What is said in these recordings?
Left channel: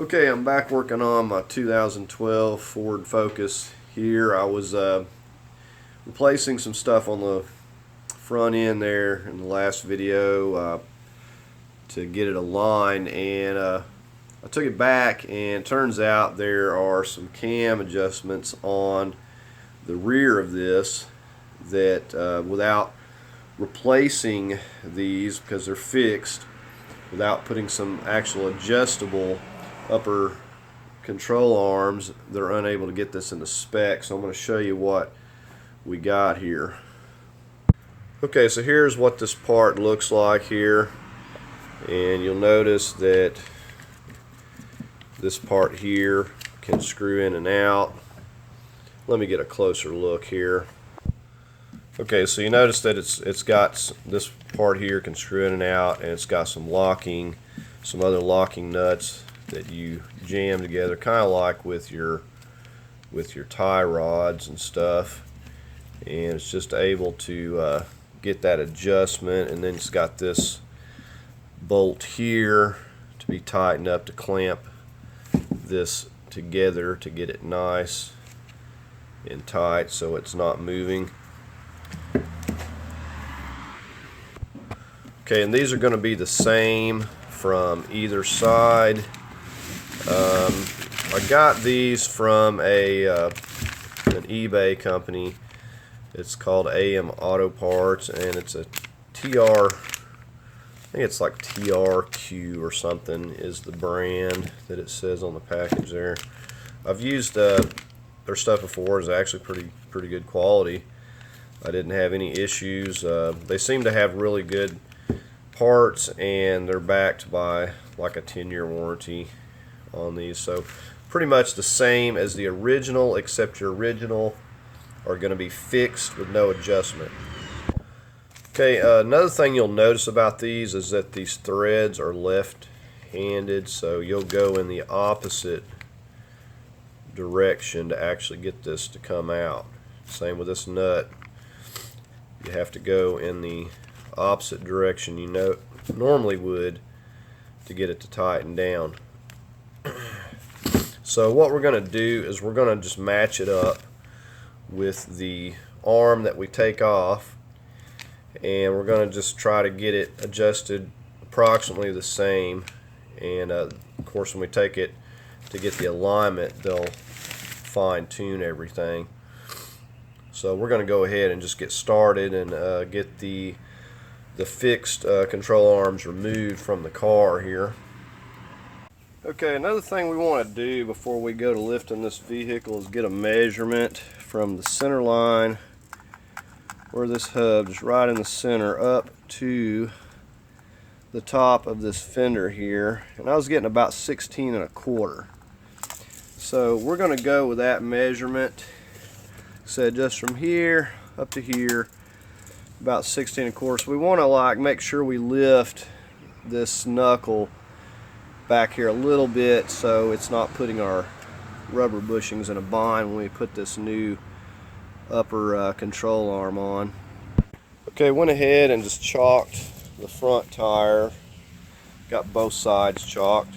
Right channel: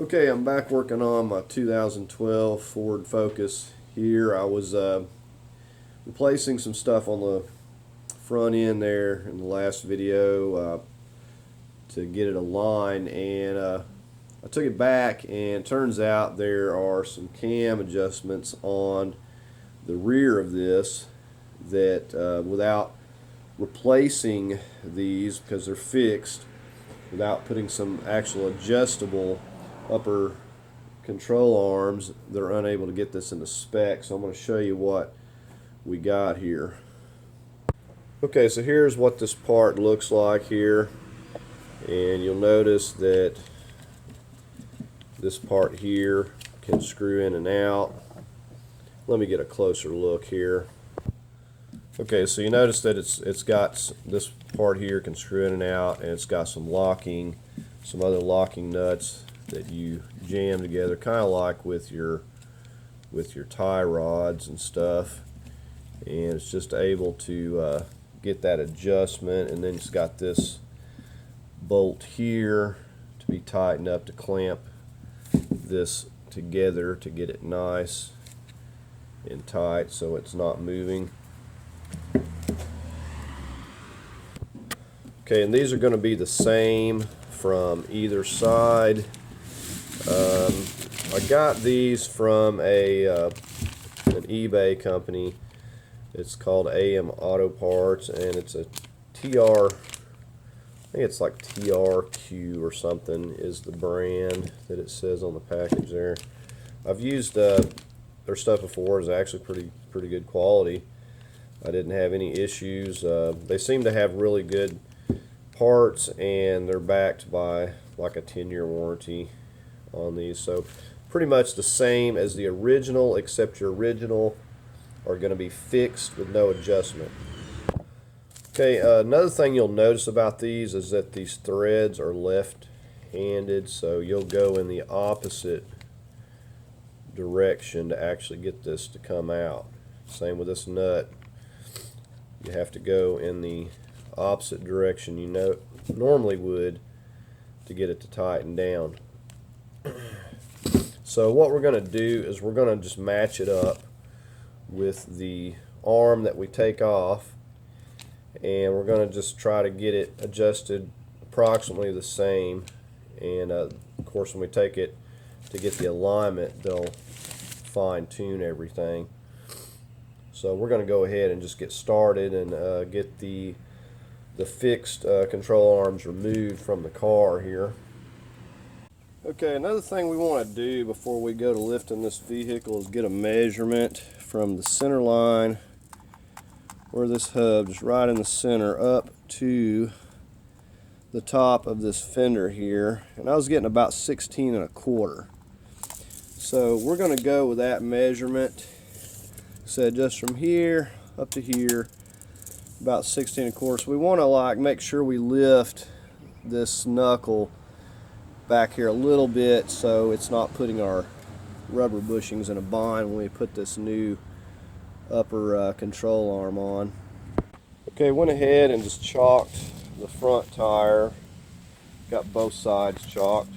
Okay, I'm back working on my 2012 Ford Focus here. I was replacing some stuff on the front end there in the last video to get it aligned, and I took it back, and it turns out there are some cam adjustments on the rear of this that without replacing these, because they're fixed, without putting some actual adjustable upper control arms, they're unable to get this into spec. So I'm going to show you what we got here. Okay, so here's what this part looks like here, and you'll notice that this part here can screw in and out. Let me get a closer look here. Okay, so you notice that it's got this part here can screw in and out, and it's got some other locking nuts that you jam together, kind of like with your tie rods and stuff, and it's just able to get that adjustment. And then it's got this bolt here to be tightened up to clamp this together to get it nice and tight so it's not moving. Okay, and these are going to be the same from either side. I got these from an eBay company. It's called AM Auto Parts, and it's a TR, I think it's like TRQ or something is the brand that it says on the package there. I've used their stuff before. It's actually pretty good quality. I didn't have any issues. They seem to have really good parts, and they're backed by like a 10-year warranty on these, so pretty much the same as the original, except your original are going to be fixed with no adjustment. Okay, another thing you'll notice about these is that these threads are left-handed, so you'll go in the opposite direction to actually get this to come out. Same with this nut. You have to go in the opposite direction you normally would to get it to tighten down. So what we're going to do is we're going to just match it up with the arm that we take off, and we're going to just try to get it adjusted approximately the same. And of course, when we take it to get the alignment, they'll fine-tune everything. So we're going to go ahead and just get started and get the fixed control arms removed from the car here. Okay, another thing we want to do before we go to lifting this vehicle is get a measurement from the center line where this hub is right in the center up to the top of this fender here, and I was getting about 16 1/4. So we're going to go with that measurement. So just from here up to here, about 16 1/4. So we want to make sure we lift this knuckle back here a little bit so it's not putting our rubber bushings in a bind when we put this new upper control arm on. Okay, went ahead and just chalked the front tire. Got both sides chalked,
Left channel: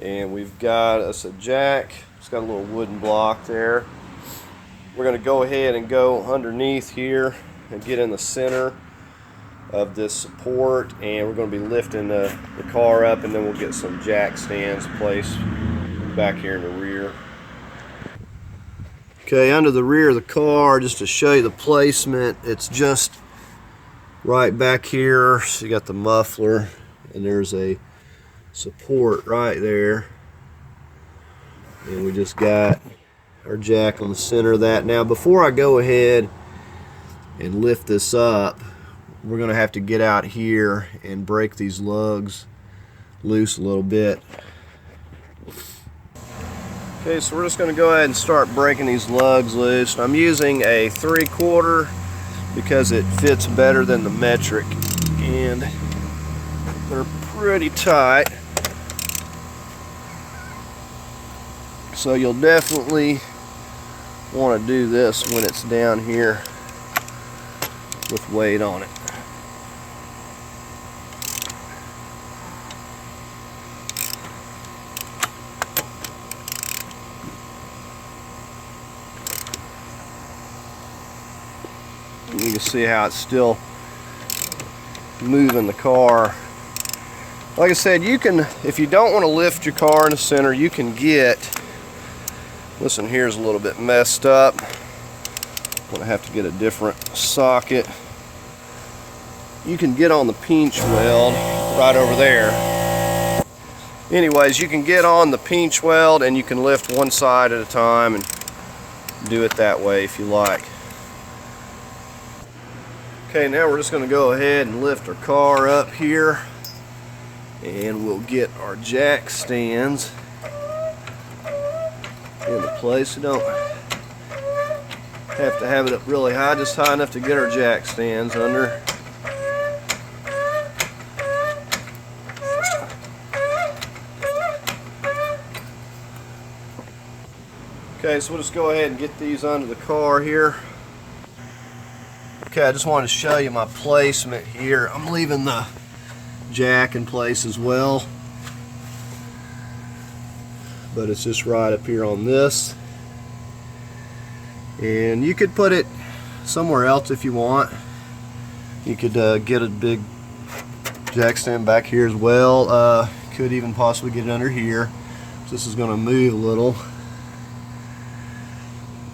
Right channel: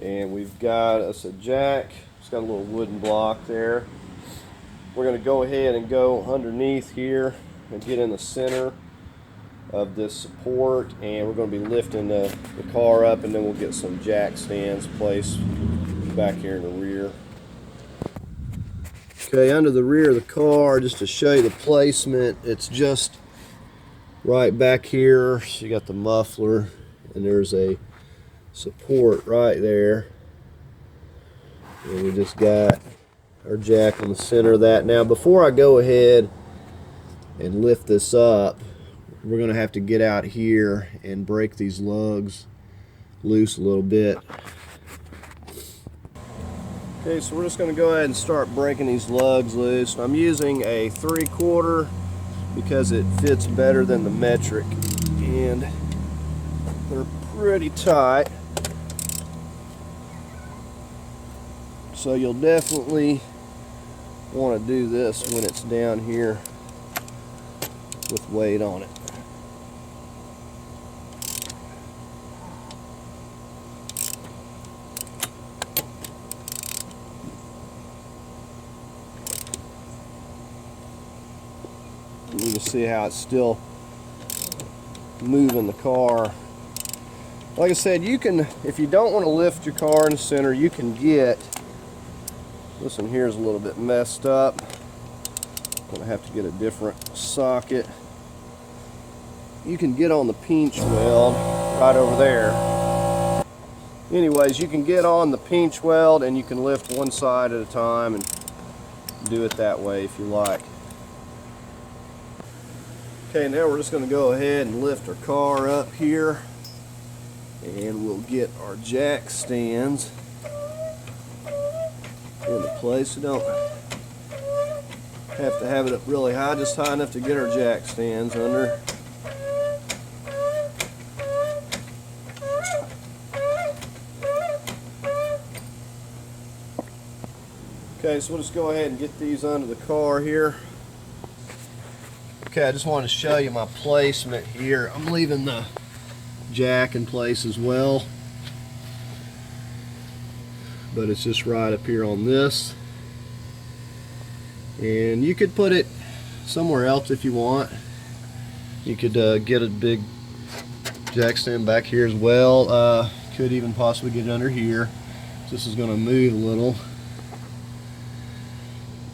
and we've got us a jack. It's got a little wooden block there. We're going to go ahead and go underneath here and get in the center of this support, and we're going to be lifting the car up, and then we'll get some jack stands placed back here in the rear. Okay, under the rear of the car, just to show you the placement, it's just right back here. So you got the muffler, and there's a support right there, and we just got our jack on the center of that. Now before I go ahead and lift this up, we're going to have to get out here and break these lugs loose a little bit. Okay, so we're just going to go ahead and start breaking these lugs loose. I'm using a 3/4 because it fits better than the metric, and they're pretty tight. So you'll definitely want to do this when it's down here with weight on it. You can see how it's still moving the car. Like I said, you can, if you don't want to lift your car in the center, you can get, listen, here's a little bit messed up. I'm gonna have to get a different socket. You can get on the pinch weld right over there. Anyways, you can get on the pinch weld and you can lift one side at a time and do it that way if you like. Okay, now we're just going to go ahead and lift our car up here, and we'll get our jack stands into place. We don't have to have it up really high, just high enough to get our jack stands under. Okay, so we'll just go ahead and get these under the car here. Okay, I just wanted to show you my placement here. I'm leaving the jack in place as well, but it's just right up here on this. And you could put it somewhere else if you want. You could get a big jack stand back here as well. Could even possibly get it under here. This is going to move a little.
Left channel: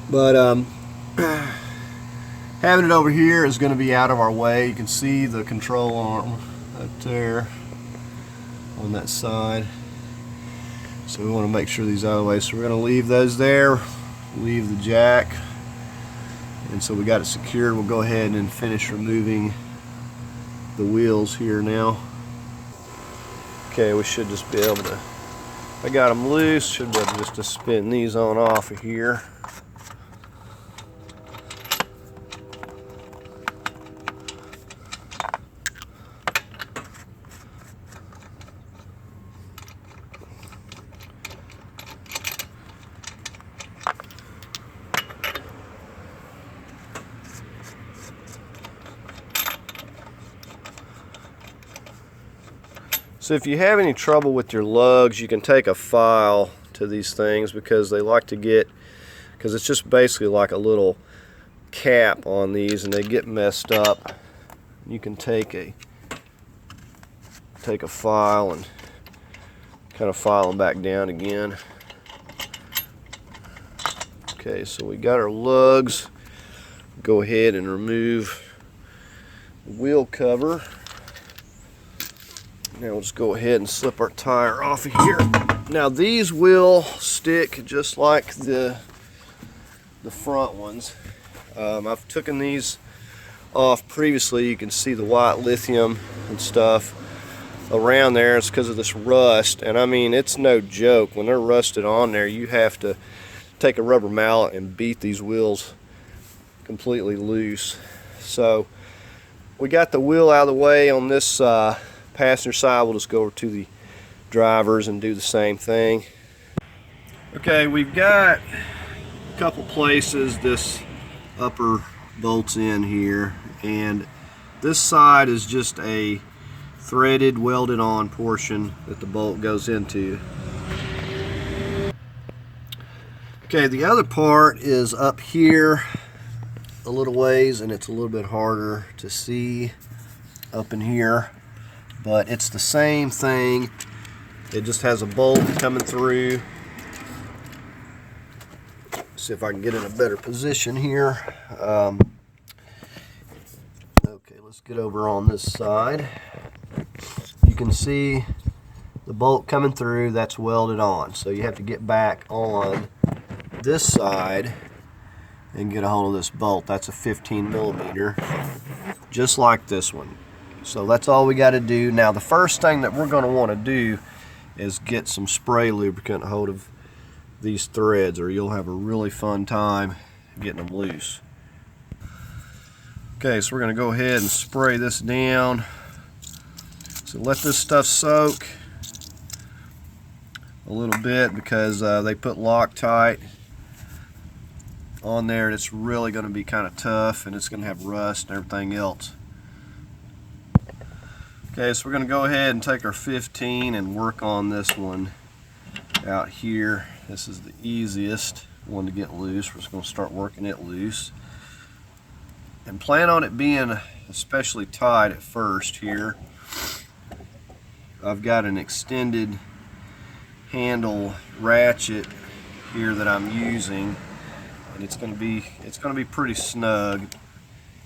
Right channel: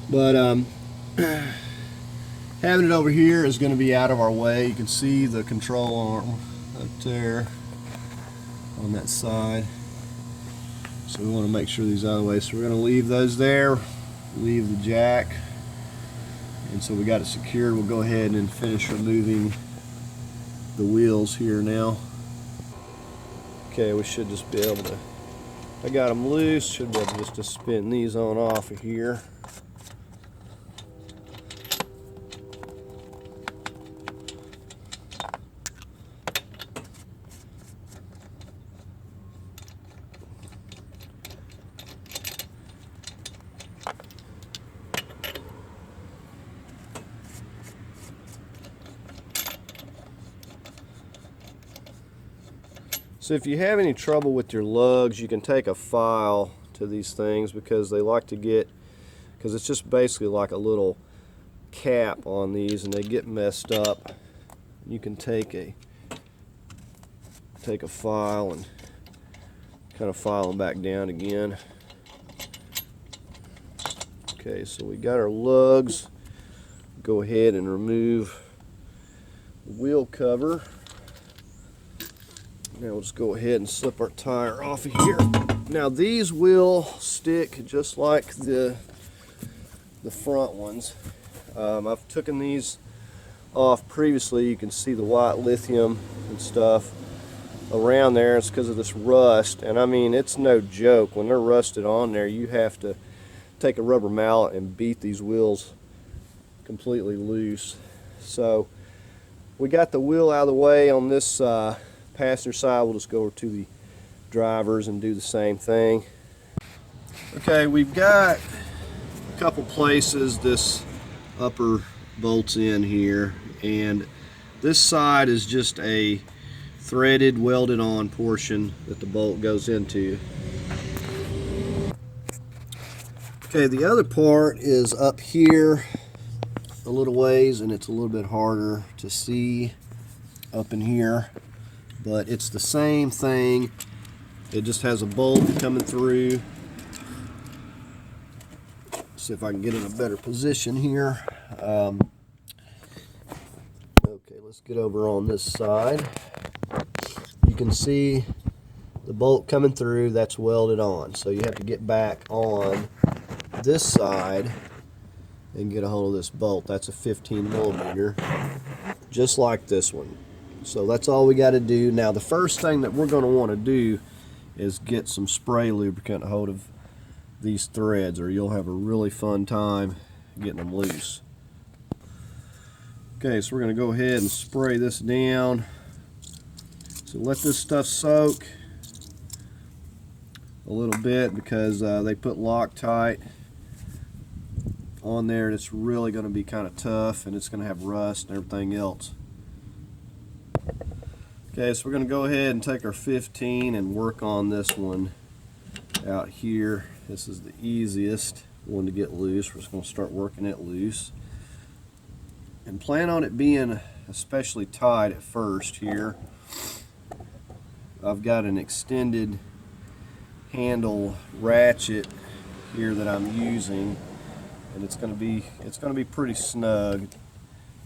But having it over here is going to be out of our way. You can see the control arm up there on that side. So we want to make sure these are out of the way. So we're going to leave those there, leave the jack. And so we got it secured. We'll go ahead and finish removing the wheels here now. Okay, we should just be able to, I got them loose, should be able just to spin these on off of here. So if you have any trouble with your lugs, you can take a file to these things, because they like to get, because it's just basically like a little cap on these and they get messed up. You can take a file and kind of file them back down again. Okay, so we got our lugs. Go ahead and remove the wheel cover. Now we'll just go ahead and slip our tire off of here. Now these will stick just like the front ones. I've taken these off previously. You can see the white lithium and stuff around there. It's because of this rust, and I mean, it's no joke. When they're rusted on there, you have to take a rubber mallet and beat these wheels completely loose. So we got the wheel out of the way on this passenger side. We'll just go over to the drivers and do the same thing. Okay, we've got a couple places this upper bolts in here, and this side is just a threaded, welded on portion that the bolt goes into. Okay, the other part is up here a little ways, and it's a little bit harder to see up in here, but it's the same thing. It just has a bolt coming through. See if I can get in a better position here. Okay, let's get over on this side. You can see the bolt coming through, that's welded on. So you have to get back on this side and get a hold of this bolt. That's a 15 millimeter, just like this one. So that's all we got to do. Now the first thing that we're going to want to do is get some spray lubricant a hold of these threads, or you'll have a really fun time getting them loose. Okay, so we're going to go ahead and spray this down. So let this stuff soak a little bit, because they put Loctite on there and it's really going to be kind of tough, and it's going to have rust and everything else. Okay, so we're going to go ahead and take our 15 and work on this one out here. This is the easiest one to get loose. We're just going to start working it loose. and plan on it being especially tight at first here. I've got an extended handle ratchet here that I'm using, and it's going to be pretty snug.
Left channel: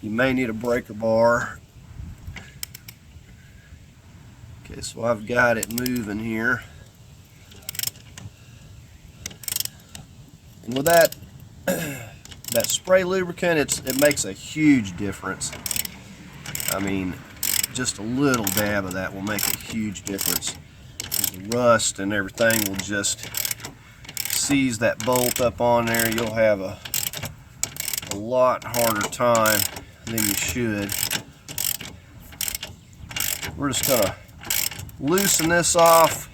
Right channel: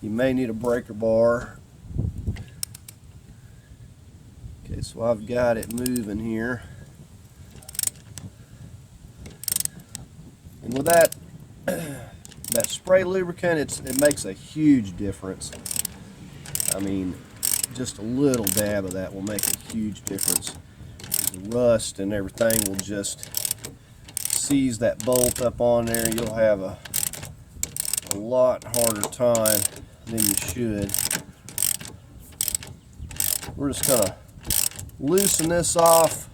You may need a breaker bar. Okay, so I've got it moving here, and with that that spray lubricant, it makes a huge difference. I mean, just a little dab of that will make a huge difference. The rust and everything will just seize that bolt up on there. You'll have a lot harder time than you should. We're just gonna loosen this off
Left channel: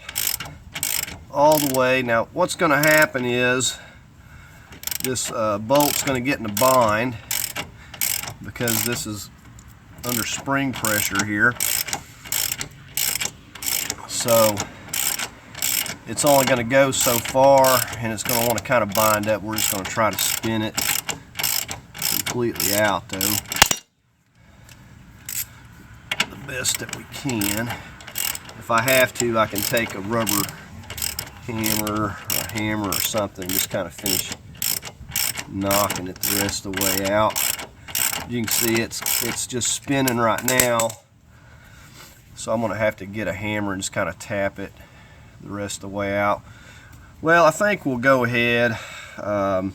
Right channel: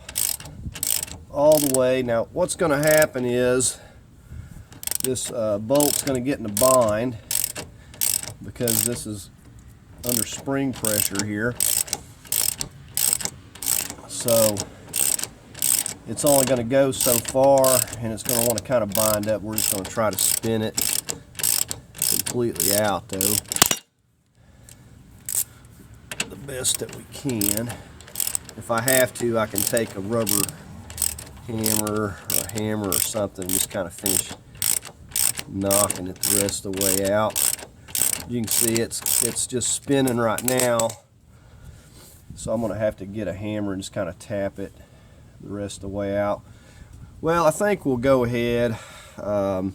all the way. Now what's gonna happen is this bolt's gonna get in a bind because this is under spring pressure here. So it's only going to go so far, and it's going to want to kind of bind up. We're just going to try to spin it completely out, though, the best that we can. If I have to, I can take a rubber hammer or a hammer or something, just kind of finish knocking it the rest of the way out. You can see it's just spinning right now, so I'm going to have to get a hammer and just kind of tap it the rest of the way out. Well, I think we'll go ahead and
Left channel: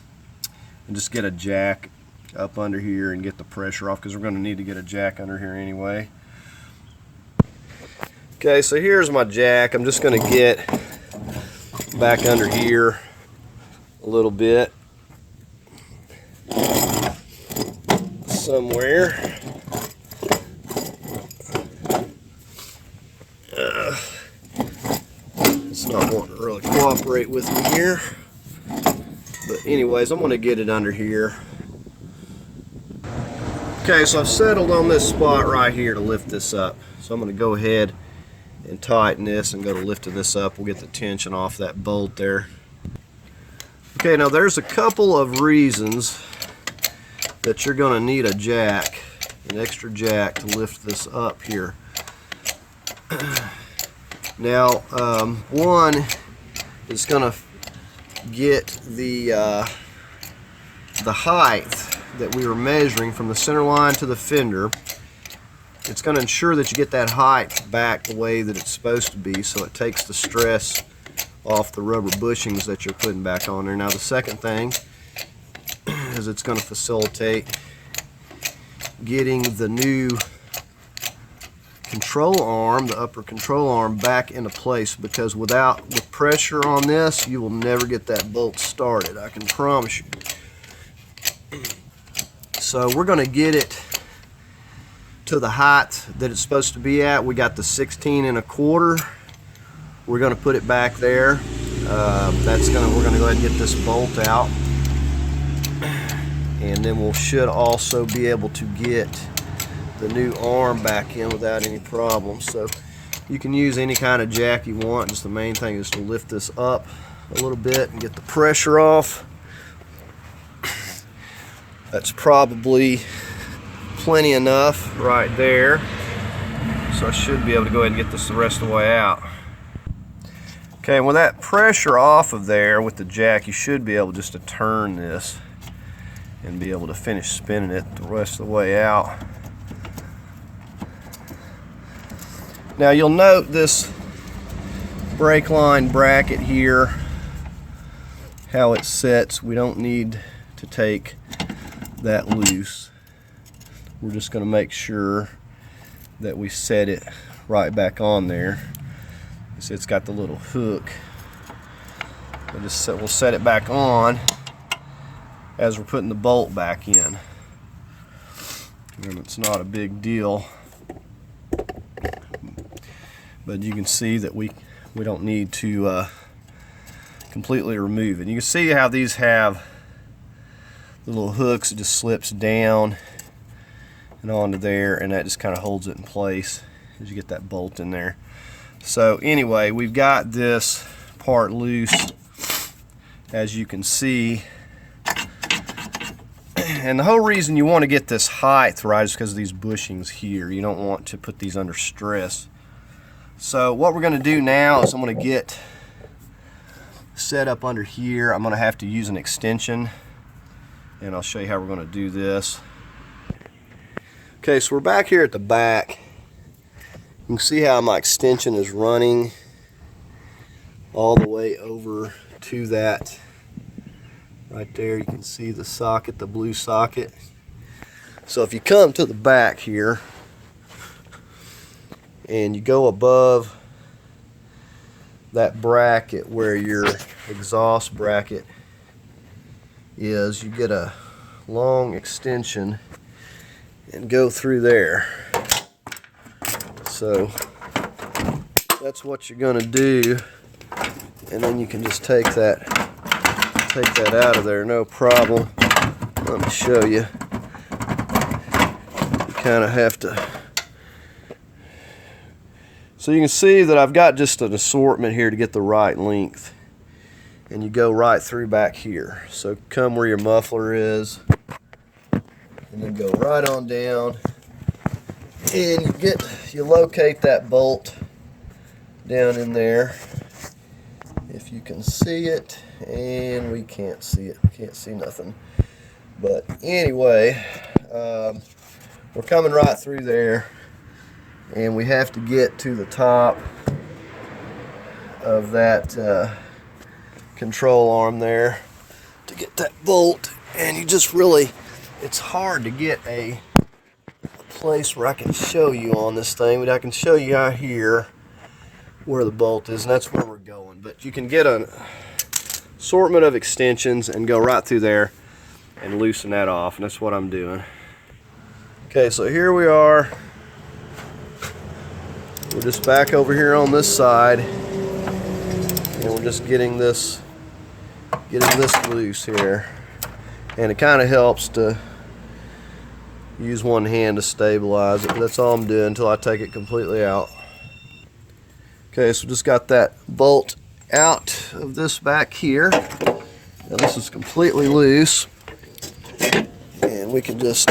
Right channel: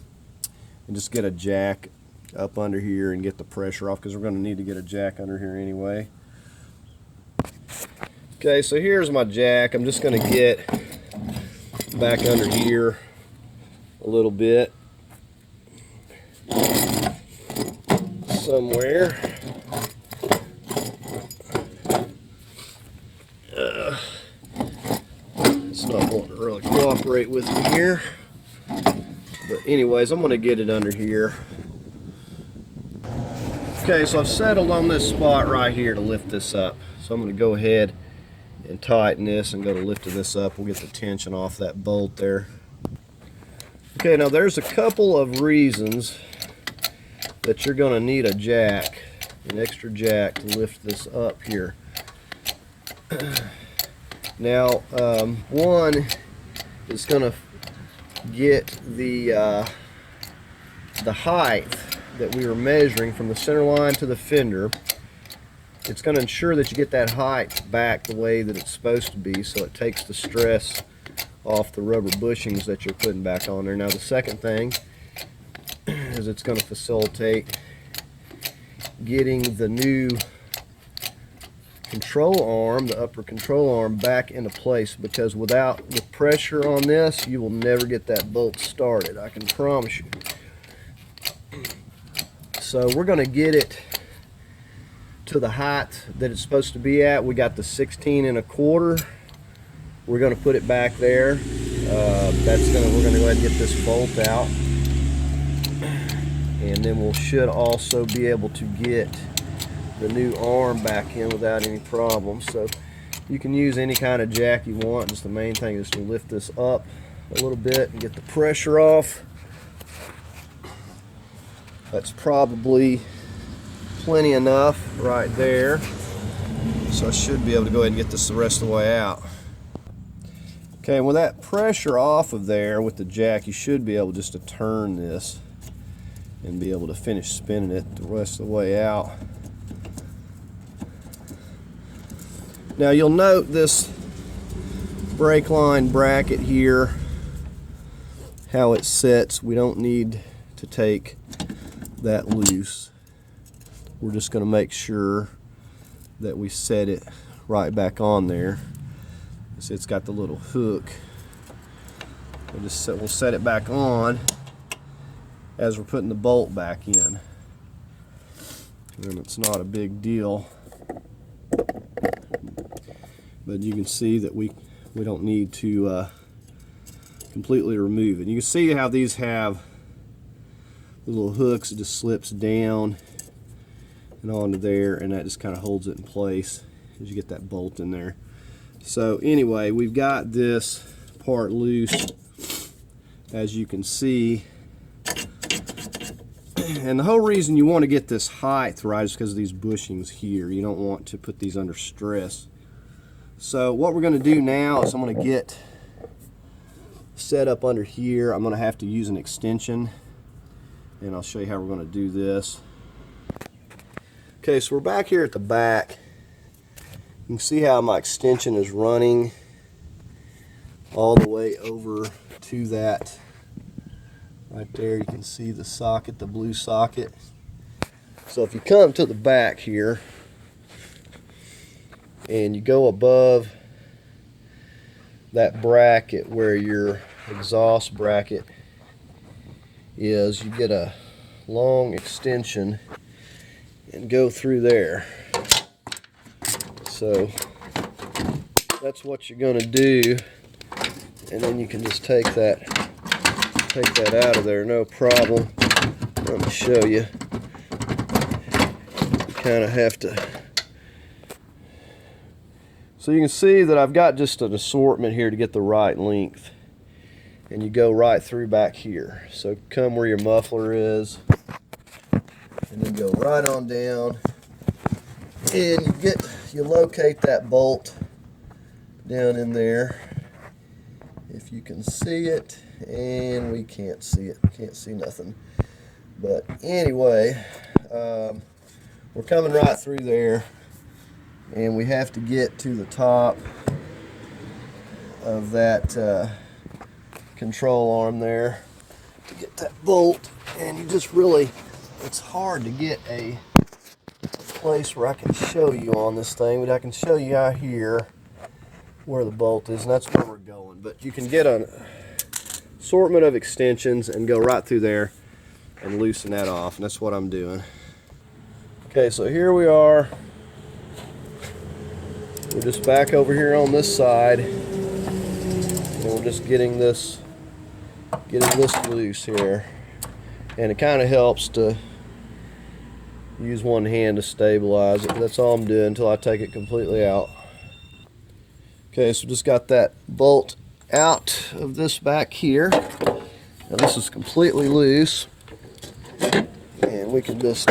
just get a jack up under here and get the pressure off, because we're going to need to get a jack under here anyway. Okay, so here's my jack. I'm just going to get back under here a little bit somewhere. It's not wanting to really cooperate with me here, but anyways, I'm going to get it under here. Okay, so I've settled on this spot right here to lift this up, so I'm going to go ahead and tighten this and go to lifting this up. We'll get the tension off that bolt there. Okay, now there's a couple of reasons that you're going to need a jack, an extra jack, to lift this up here. Now, one is going to get the height that we were measuring from the center line to the fender. It's going to ensure that you get that height back the way that it's supposed to be, so it takes the stress off the rubber bushings that you're putting back on there. Now, the second thing is it's going to facilitate getting the new control arm, the upper control arm, back into place, because with pressure on this, you will never get that bolt started, I can promise you. So we're going to get it to the height that it's supposed to be at. We got the 16 1/4. We're going to put it back there. We're going to go ahead and get this bolt out, and then we should also be able to get the new arm back in without any problems. So you can use any kind of jack you want. Just the main thing is to lift this up a little bit and get the pressure off. That's probably plenty enough right there. So I should be able to go ahead and get this the rest of the way out. Okay, and with that pressure off of there with the jack, you should be able just to turn this and be able to finish spinning it the rest of the way out. Now you'll note this brake line bracket here, how it sets. We don't need to take that loose. We're just going to make sure that we set it right back on there. See, it's got the little hook. We'll set it back on as we're putting the bolt back in. And it's not a big deal, but you can see that we don't need to completely remove it. You can see how these have the little hooks. It just slips down and onto there, and that just kind of holds it in place as you get that bolt in there. So anyway, we've got this part loose, as you can see. And the whole reason you want to get this height right is because of these bushings here. You don't want to put these under stress. So what we're going to do now is I'm going to get set up under here. I'm going to have to use an extension, and I'll show you how we're going to do this. Okay, so we're back here at the back. You can see how my extension is running all the way over to that right there. You can see the socket, the blue socket. So if you come to the back here and you go above that bracket where your exhaust bracket is, you get a long extension and go through there. So that's what you're going to do, and then you can just take that out of there, no problem. Let me show you. You kind of have to. So you can see that I've got just an assortment here to get the right length, and you go right through back here. So come where your muffler is, and then go right on down, and you locate that bolt down in there. If you can see it, and we can't see it, can't see nothing. But anyway, we're coming right through there, and we have to get to the top of that control arm there to get that bolt. And you just really, it's hard to get a place where I can show you on this thing, but I can show you out here where the bolt is, and that's where we're going. But you can get an assortment of extensions and go right through there and loosen that off, and that's what I'm doing. Okay, so here we are. We're just back over here on this side, and we're just getting this loose here. And it kind of helps to use one hand to stabilize it, but that's all I'm doing until I take it completely out. Okay, so just got that bolt out of this back here. Now this is completely loose, and we can just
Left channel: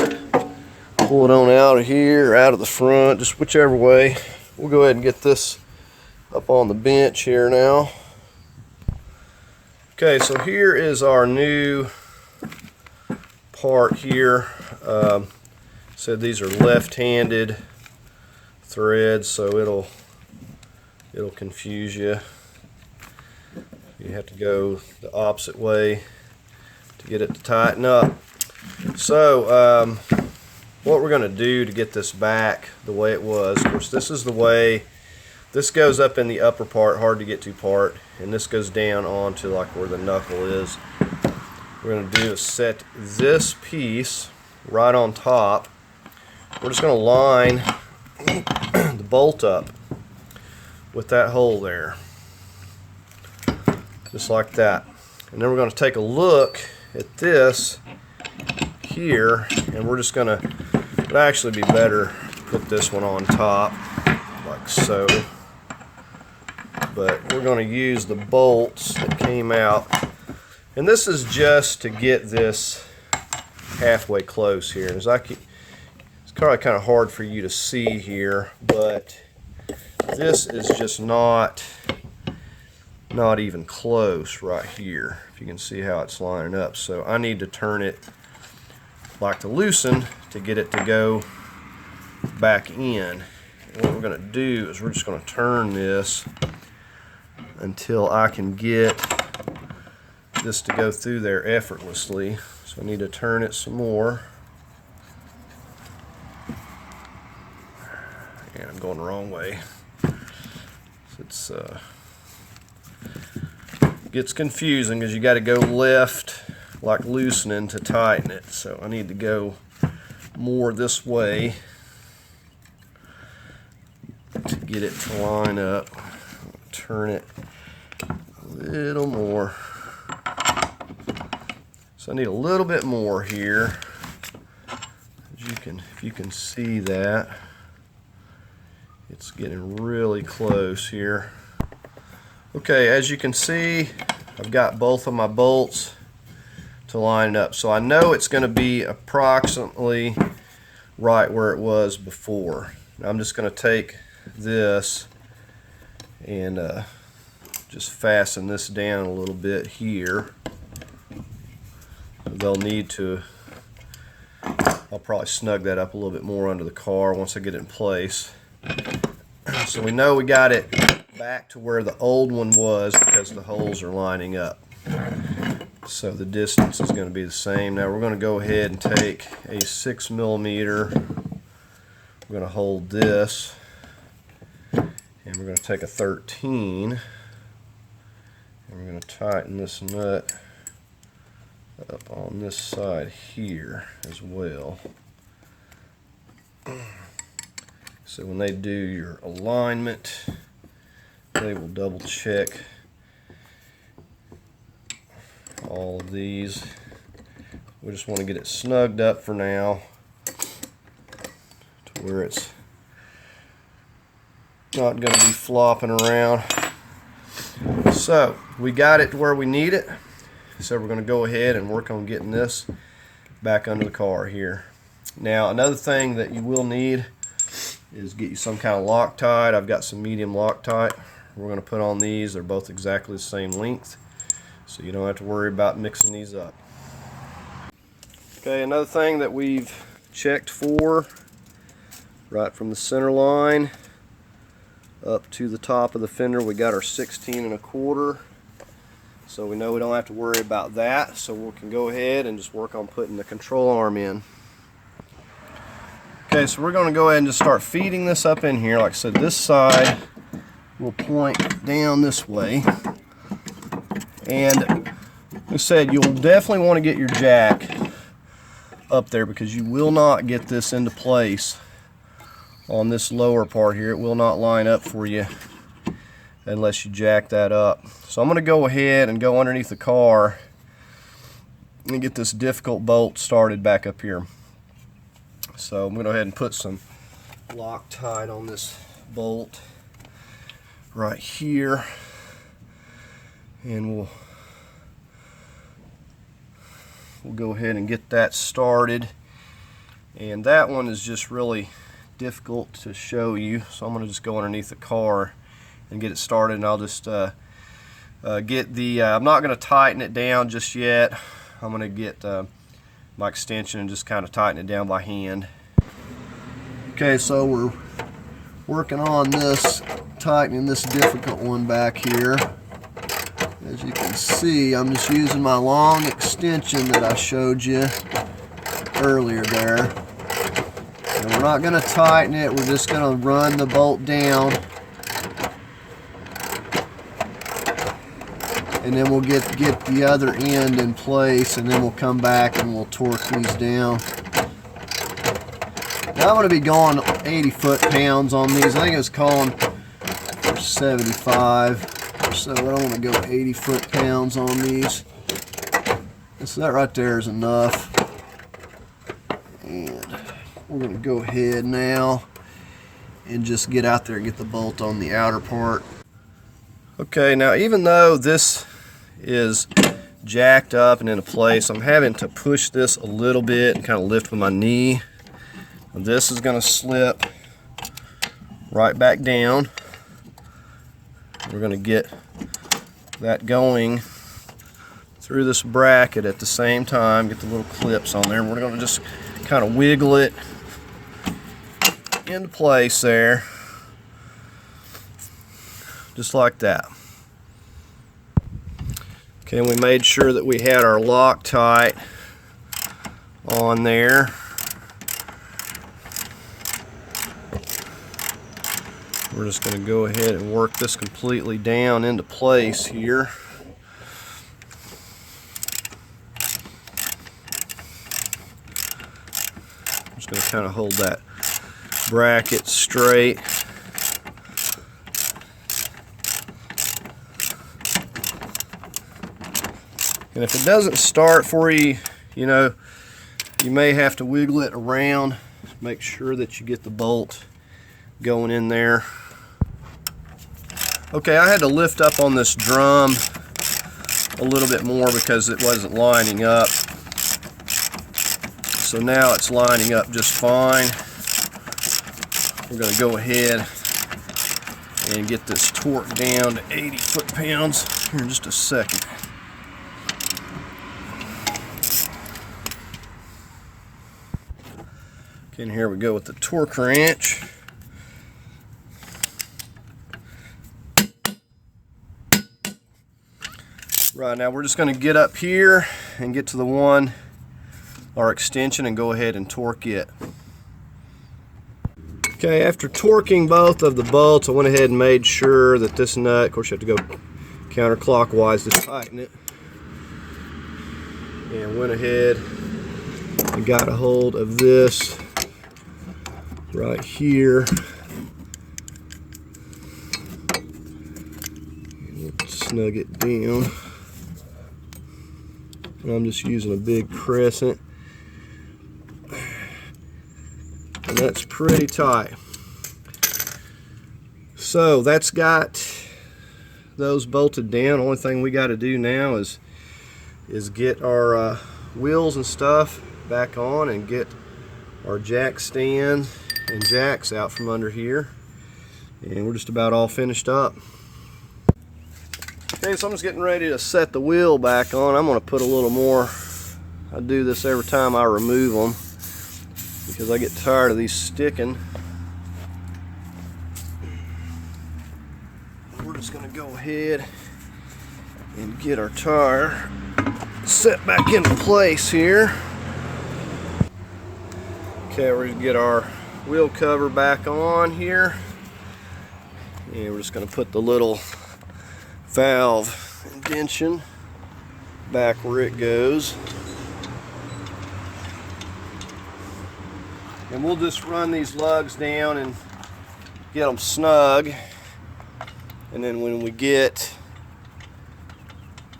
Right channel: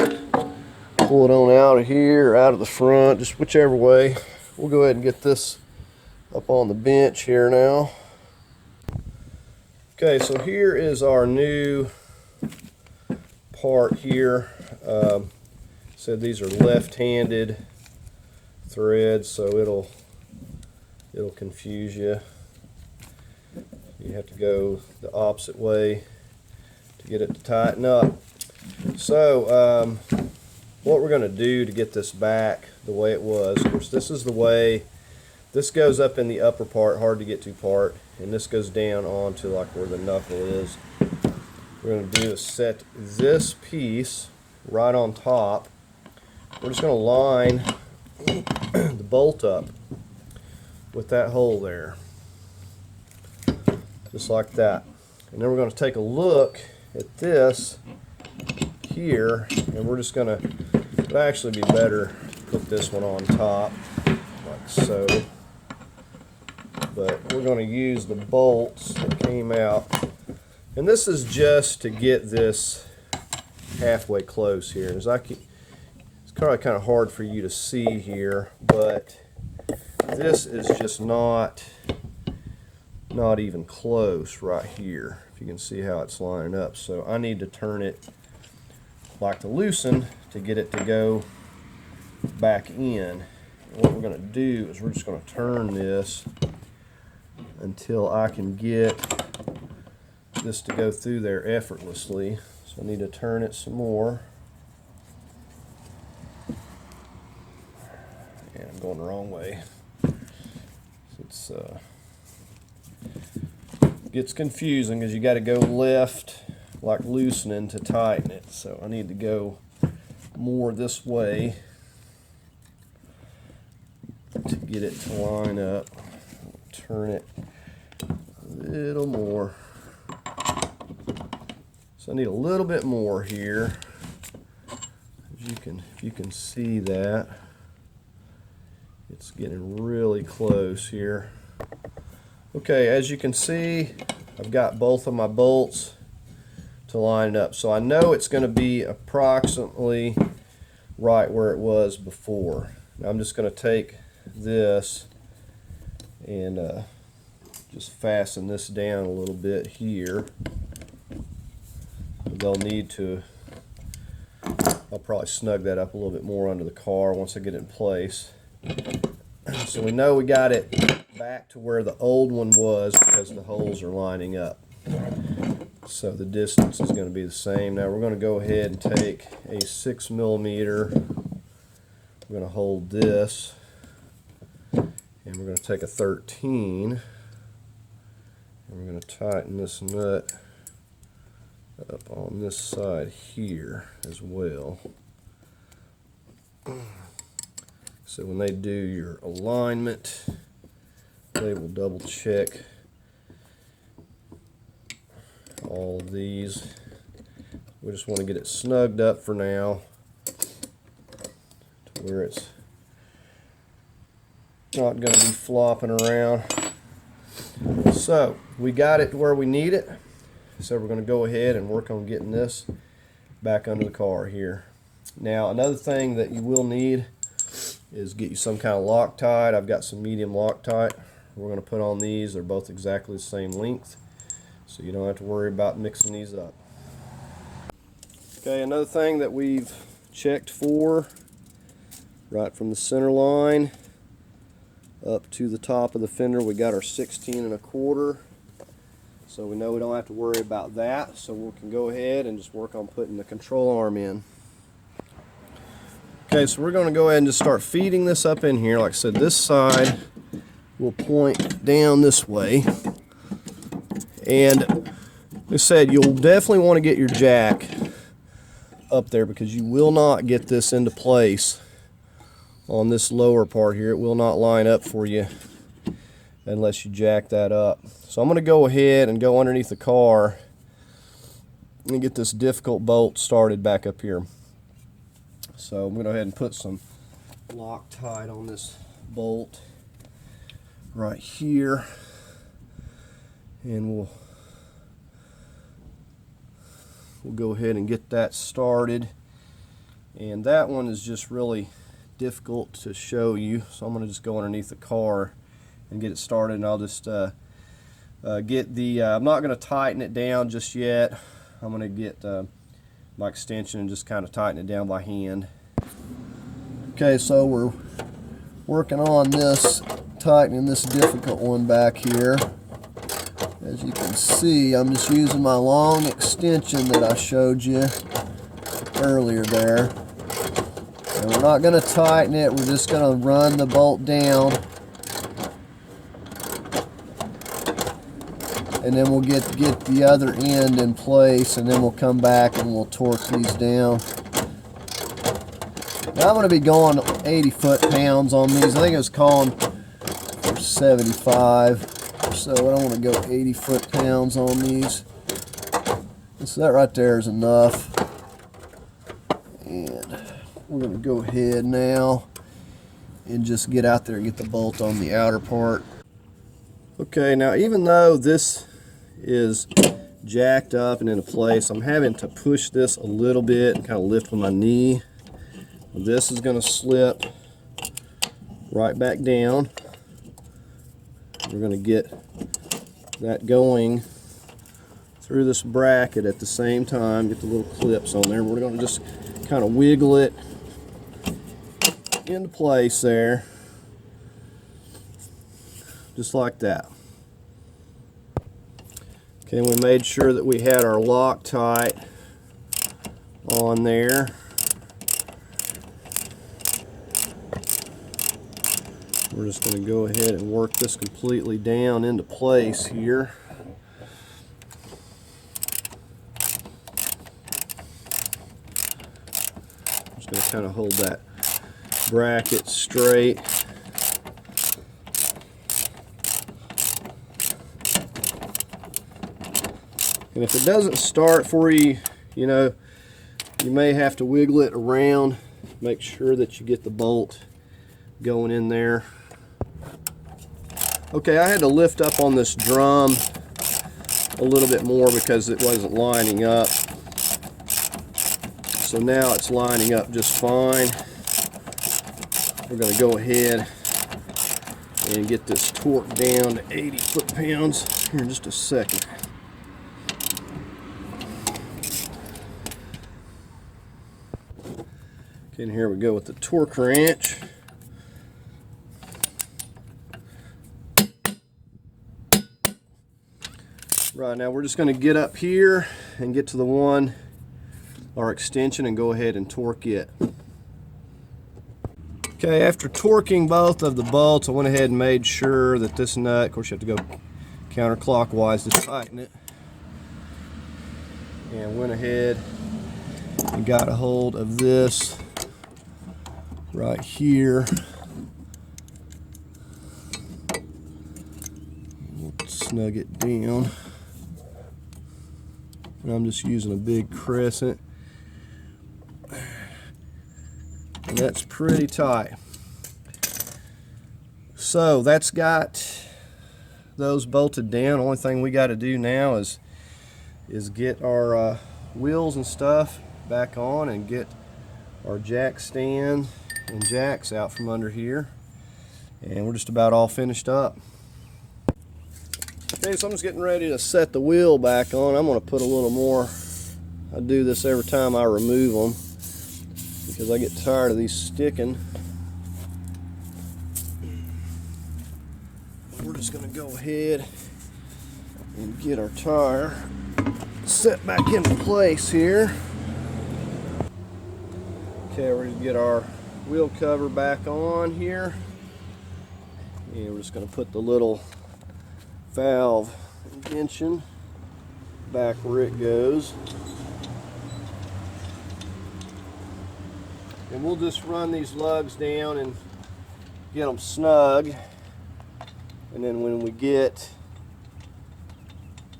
pull it on out of here or out of the front, just whichever way. We'll go ahead and get this up on the bench here now. Okay, so here is our new part here. Said these are left-handed threads, so it'll confuse you. You have to go the opposite way to get it to tighten up. So what we're going to do to get this back the way it was, of course this is the way, this goes up in the upper part, hard to get to part, and this goes down onto like where the knuckle is. What we're going to do is set this piece right on top. We're just going to line the bolt up with that hole there, just like that. And then we're going to take a look at this here, and we're just going to, it'd actually be better to put this one on top like so, but we're going to use the bolts that came out, and this is just to get this halfway close here. It's kind of hard for you to see here, but this is just not even close right here, if you can see how it's lining up. So I need to turn it like to loosen to get it to go back in. And what we're going to do is we're just going to turn this until I can get this to go through there effortlessly. So I need to turn it some more. And I'm going the wrong way. It's gets confusing because you got to go left like loosening to tighten it. So I need to go more this way to get it to line up. Turn it a little more. So I need a little bit more here. As you can, if you can see that, it's getting really close here. Okay, as you can see, I've got both of my bolts to line it up. So I know it's going to be approximately right where it was before. Now I'm just going to take this and just fasten this down a little bit here. They'll need to, I'll probably snug that up a little bit more under the car once I get it in place. So we know we got it back to where the old one was because the holes are lining up. So the distance is going to be the same. Now we're going to go ahead and take a 6mm. We're going to hold this, and we're going to take a 13, and we're going to tighten this nut up on this side here as well. So when they do your alignment, they will double check all of these. We just want to get it snugged up for now to where it's not going to be flopping around. So we got it to where we need it. So we're going to go ahead and work on getting this back under the car here. Now another thing that you will need is get you some kind of Loctite. I've got some medium Loctite. We're going to put on these. They're both exactly the same length, so you don't have to worry about mixing these up. Okay, another thing that we've checked for, right from the center line up to the top of the fender, we got our 16 1/4. So we know we don't have to worry about that, so we can go ahead and just work on putting the control arm in. Okay, so we're going to go ahead and just start feeding this up in here. Like I said, this side will point down this way. And like I said, you'll definitely want to get your jack up there because you will not get this into place on this lower part here. It will not line up for you unless you jack that up. So I'm going to go ahead and go underneath the car and get this difficult bolt started back up here. So I'm going to go ahead and put some Loctite on this bolt right here, and we'll go ahead and get that started. And that one is just really difficult to show you, so I'm going to just go underneath the car and get it started, and I'll just get the I'm not going to tighten it down just yet. I'm going to get my extension and just kind of tighten it down by hand. Okay, so we're working on this, tightening this difficult one back here. As you can see, I'm just using my long extension that I showed you earlier there. And we're not going to tighten it, we're just going to run the bolt down. And then we'll get the other end in place, and then we'll come back and we'll torque these down. Now I'm going to be going 80 foot-pounds on these. I think it was calling for 75, so I don't want to go 80 foot-pounds on these. So that right there is enough. And we're going to go ahead now and just get out there and get the bolt on the outer part. Okay, now even though this is jacked up and into place, I'm having to push this a little bit and kind of lift with my knee. This is going to slip right back down. We're going to get that going through this bracket at the same time, get the little clips on there. We're going to just kind of wiggle it into place there, just like that. Okay, we made sure that we had our Loctite on there. We're just going to go ahead and work this completely down into place here. I'm just going to kind of hold that bracket straight. And if it doesn't start for you, you know, you may have to wiggle it around. Make sure that you get the bolt going in there. Okay, I had to lift up on this drum a little bit more because it wasn't lining up. So now it's lining up just fine. We're going to go ahead and get this torque down to 80 foot-pounds here in just a second. Okay, and here we go with the torque wrench. Right, now we're just going to get up here and get to the one, our extension, and go ahead and torque it. Okay, after torquing both of the bolts, I went ahead and made sure that this nut, of course you have to go counterclockwise to tighten it, and went ahead and got a hold of this right here. And we'll snug it down. And I'm just using a big crescent. And that's pretty tight. So that's got those bolted down. Only thing we got to do now is get our wheels and stuff back on and get our jack stand and jacks out from under here. And we're just about all finished up. Okay, so I'm just getting ready to set the wheel back on. I'm going to put a little more. I do this every time I remove them because I get tired of these sticking. We're just going to go ahead and get our tire set back into place here. Okay, we're going to get our wheel cover back on here. And we're just going to put the little valve indention back where it goes. And we'll just run these lugs down and get them snug. And then when we get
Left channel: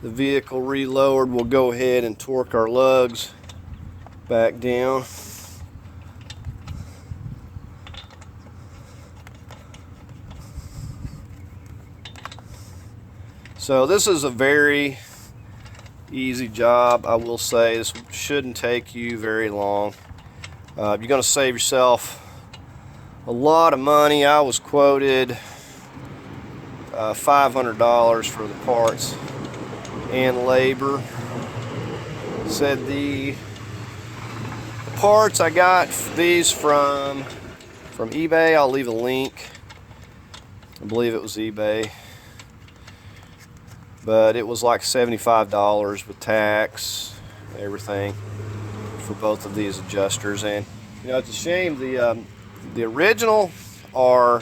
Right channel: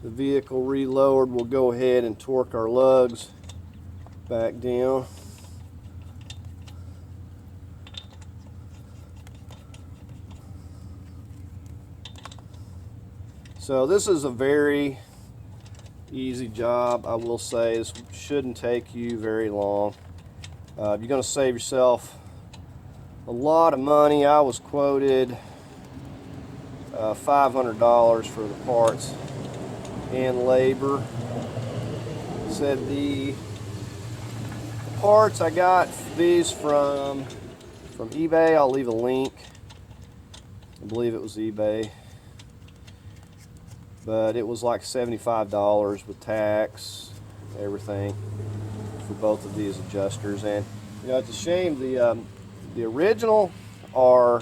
the vehicle relowered, we'll go ahead and torque our lugs back down. So this is a very easy job. I will say this shouldn't take you very long. You're going to save yourself a lot of money. I was quoted $500 for the parts and labor. Said the parts I got these from eBay. I'll leave a link. I believe it was eBay. But it was like $75 with tax, everything, for both of these adjusters. And you know, it's a shame the original are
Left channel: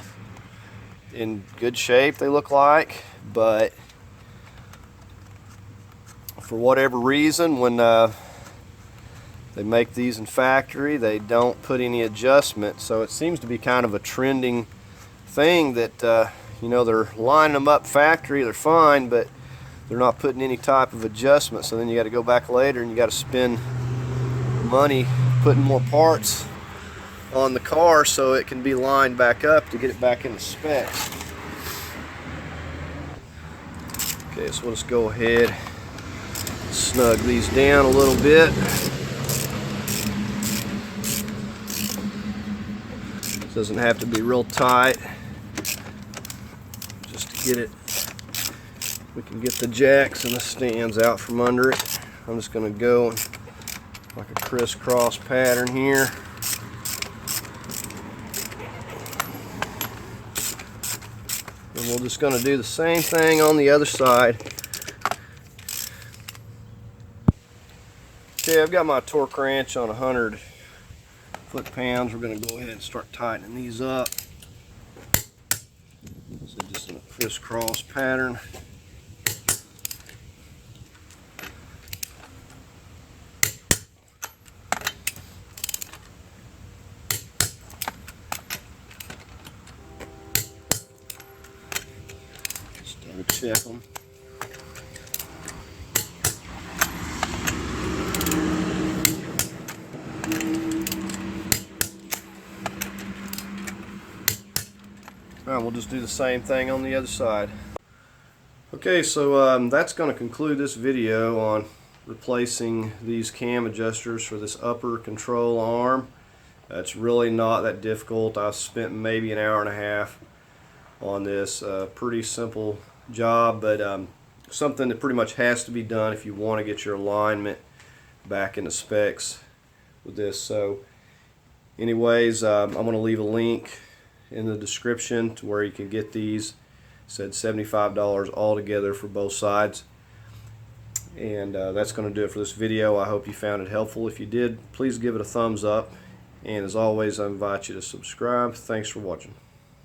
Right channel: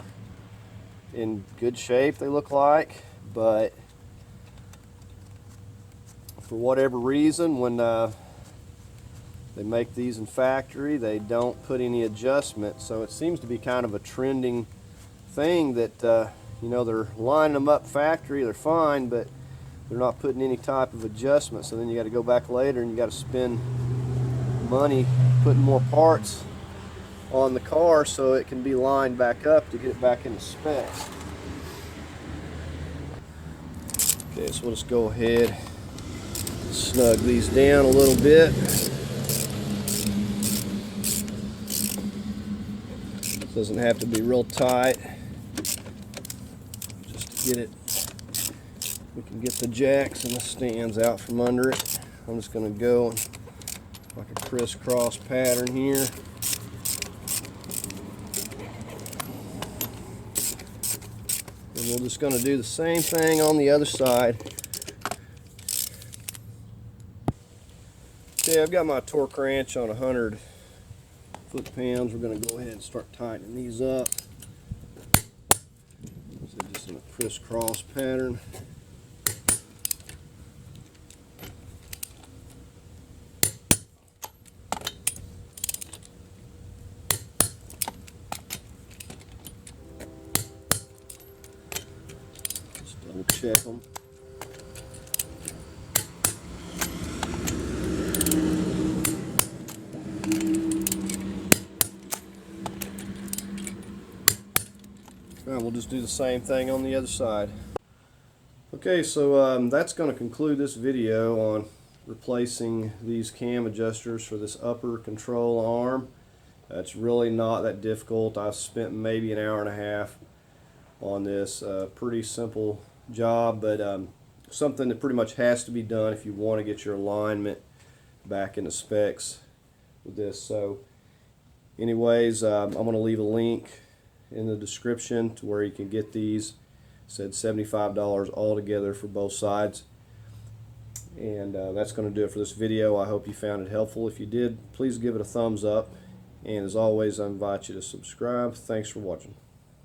in good shape, they look like, but for whatever reason, when they make these in factory, they don't put any adjustment. So it seems to be kind of a trending thing that you know, they're lining them up factory, they're fine, but they're not putting any type of adjustment. So then you got to go back later and you got to spend money putting more parts on the car so it can be lined back up to get it back into spec. Okay, so we'll just go ahead, snug these down a little bit. Doesn't have to be real tight. Just to get it, we can get the jacks and the stands out from under it. I'm just going to go like a crisscross pattern here. And we're just going to do the same thing on the other side. Okay, I've got my torque wrench on 100 foot-pounds. We're going to go ahead and start tightening these up. So just in a crisscross pattern. Just double check them. Alright, we'll just do the same thing on the other side. Okay, so that's going to conclude this video on replacing these cam adjusters for this upper control arm. It's really not that difficult. I spent maybe an hour and a half on this. Pretty simple job, but something that pretty much has to be done if you want to get your alignment back into specs with this. So anyways, I'm going to leave a link in the description to where you can get these. It said $75 altogether for both sides. And that's going to do it for this video. I hope you found it helpful. If you did, please give it a thumbs up. And as always, I invite you to subscribe. Thanks for watching.